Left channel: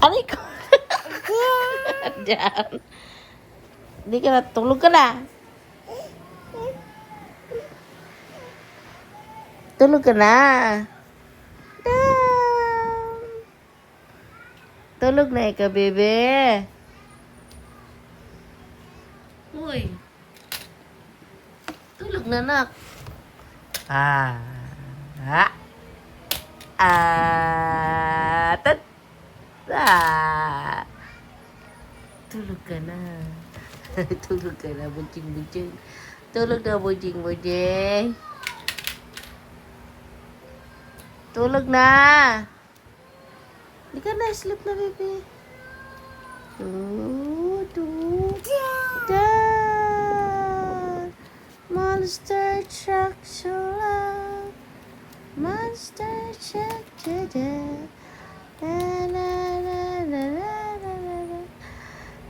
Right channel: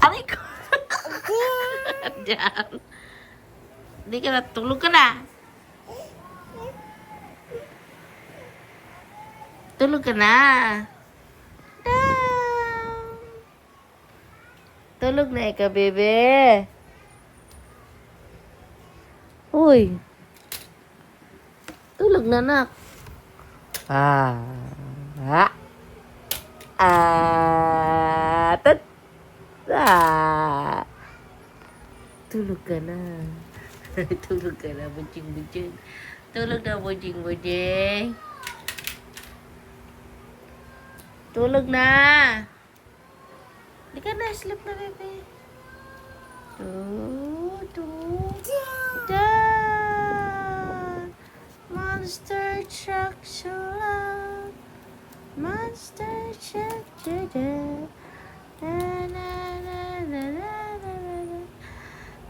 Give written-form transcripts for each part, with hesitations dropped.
Aray ko. Diyan. Hindi ka na. Tulog ka na. Tulog ka na. Down. Tulog na ikaw, bebe. Uy. Tulog na, nak. Ah. Ah. Tat. Ah. Tulog ka na. Tulog ka na, bujing-bujing. Tulog na, bujing-bujing. Tulog na. Hindi ka na, sleep na, baby. Monster truck, so loud. Monster truck, da-da.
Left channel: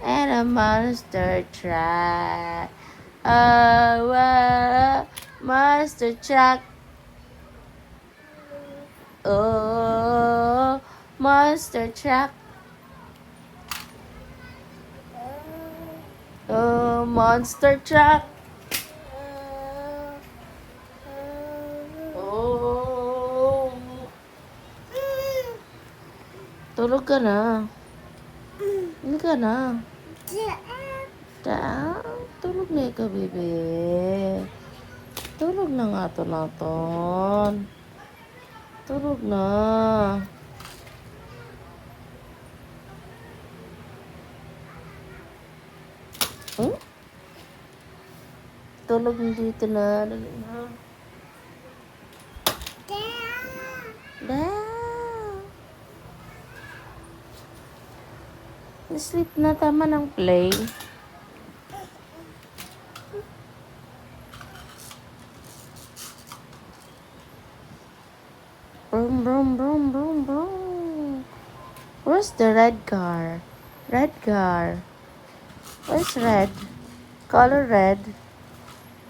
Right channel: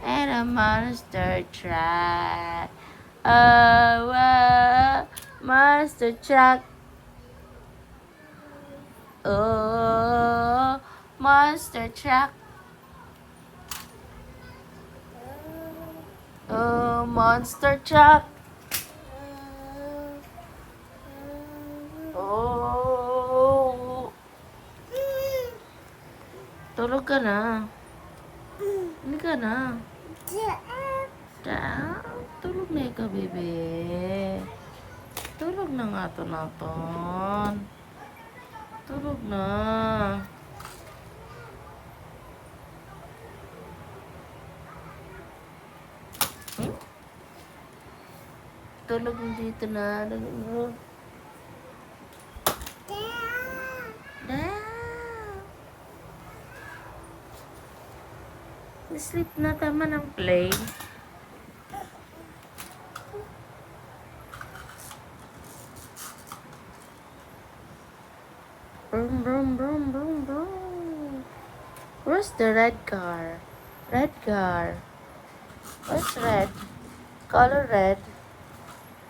And a monster truck. Oh, monster truck. Oh, monster truck. Oh, monster truck. Oh. Tulog ka na. Hindi ka na. Tulog na ikaw, bebe. Tulog na nga to naton. Tulog na. Hmm? Tulog na dito na. Dali na. Sleep na, tama ng play. Boom, boom, boom, boom, boom. Where's the red car? Red car. Where's red? Color red.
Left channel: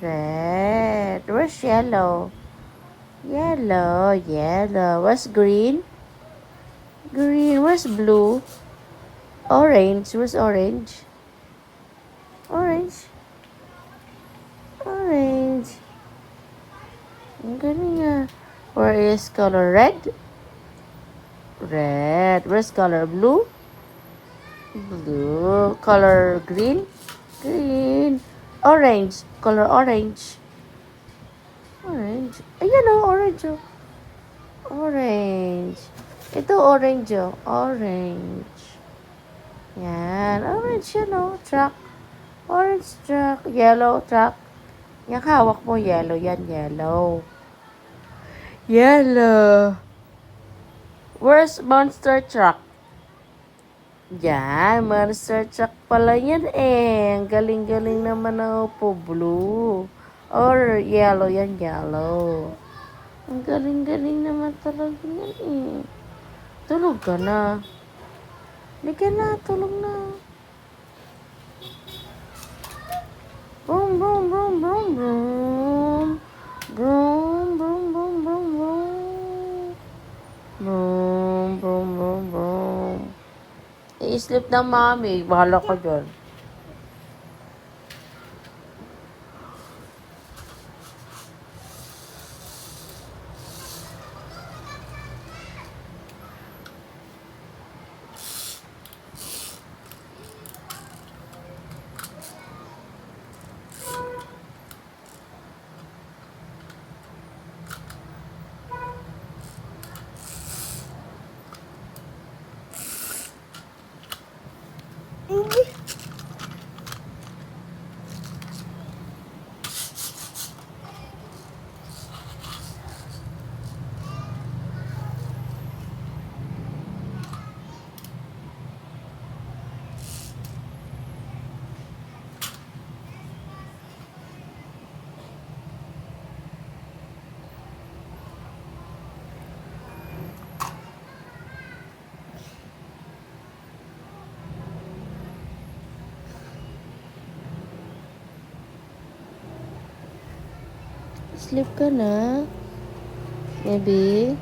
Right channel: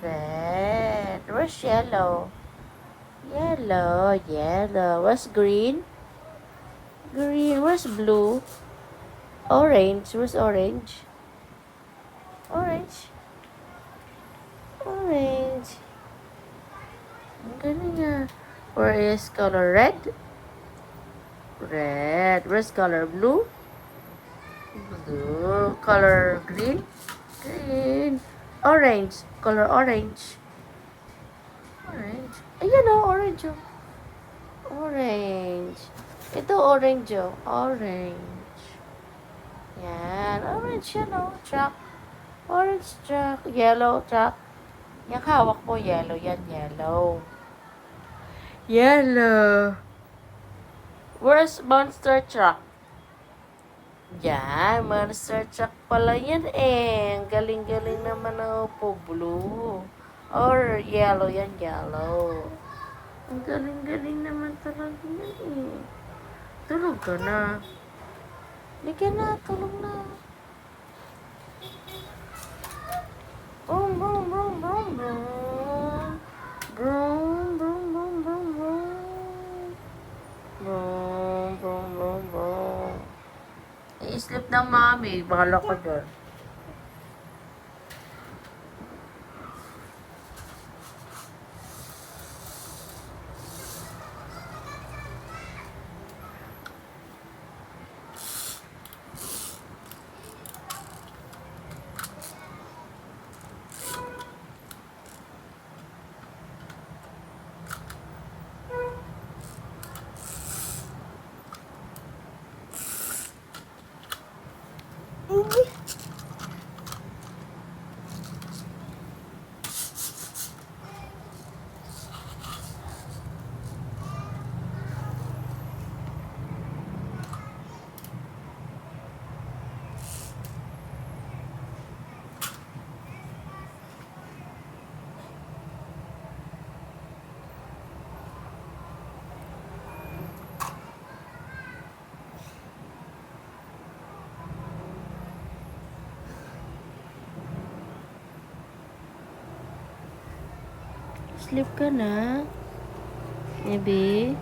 Red. Where's yellow? Yellow, yellow. Where's green? Green. Where's blue? Orange. Where's orange? Orange. Orange. Ang galing nga. Where is color red? Red. Where's color blue? Blue. Color green? Green. Orange. Color orange. Orange. Ayan ang orange. Oh. Orange. Ito orange. Oh. Orange. Yan. Orange yun, oh. Truck. Orange truck. Yellow truck. Yung hawak mo, yellow. Yan, yellow. Yellow. Where's monster truck? Yan. Monster truck pala yan eh. Ang galing-galing naman ng upo. Blue. Or yellow. Yan, yellow. Ang galing-galing naman talaga yan eh. Tulog ka na. Hindi ka na, tulog na. Boom, boom, boom, boom, boom. Boom, boom, boom, boom, boom. Boom, boom, boom, boom. I-sleep ng mami. Bahala ka dyan. Sleep ka na, baby.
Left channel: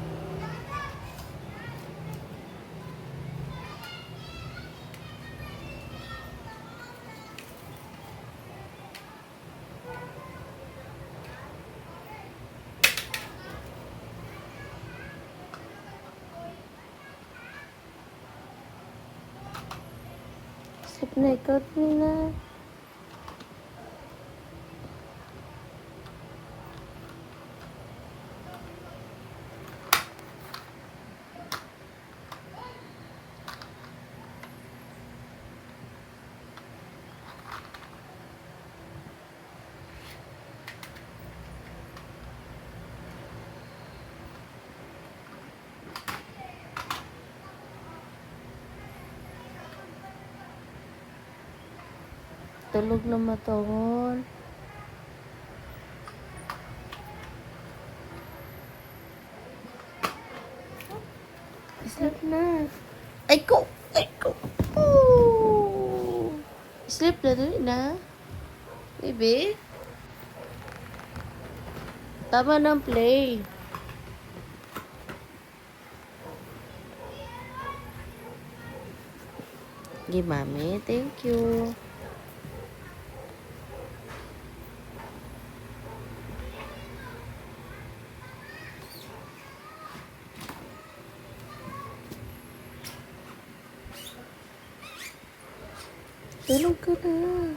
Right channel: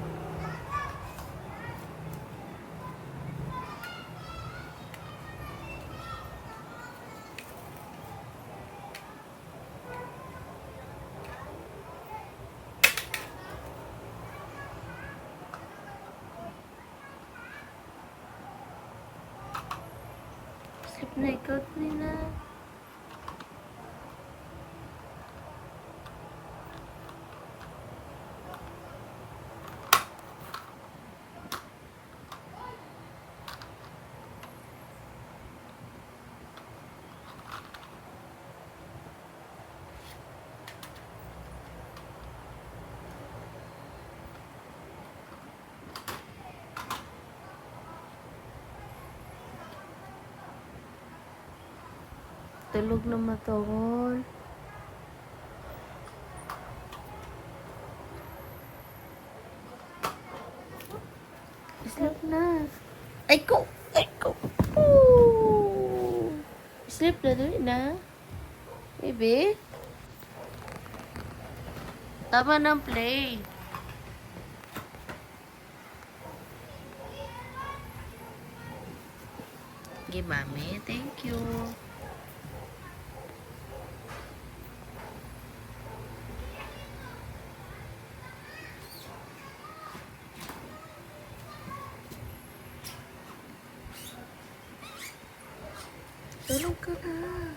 Sleep na ikaw, Nina. Tulog na matahol. Sleep na. Ay ko! Ay ko! Ooh. Sleep na doon na. Baby? Tama ng play. Okay, mami. Thank you. Tulog ka na.